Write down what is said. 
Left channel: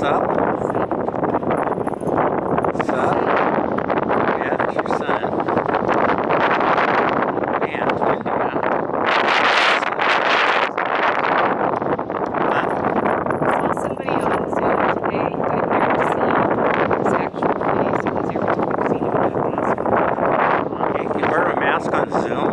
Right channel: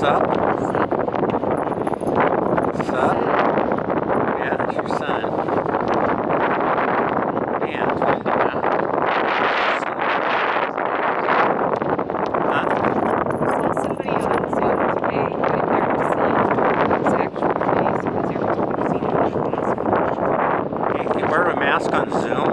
Sup? Sup? Yeah, it's your son. Man, it's windy, huh? Huh? I saw somebody on Zoom today who I'd never seen his actual face because every time I've seen him with a mask on. You wear a mask on Zoom?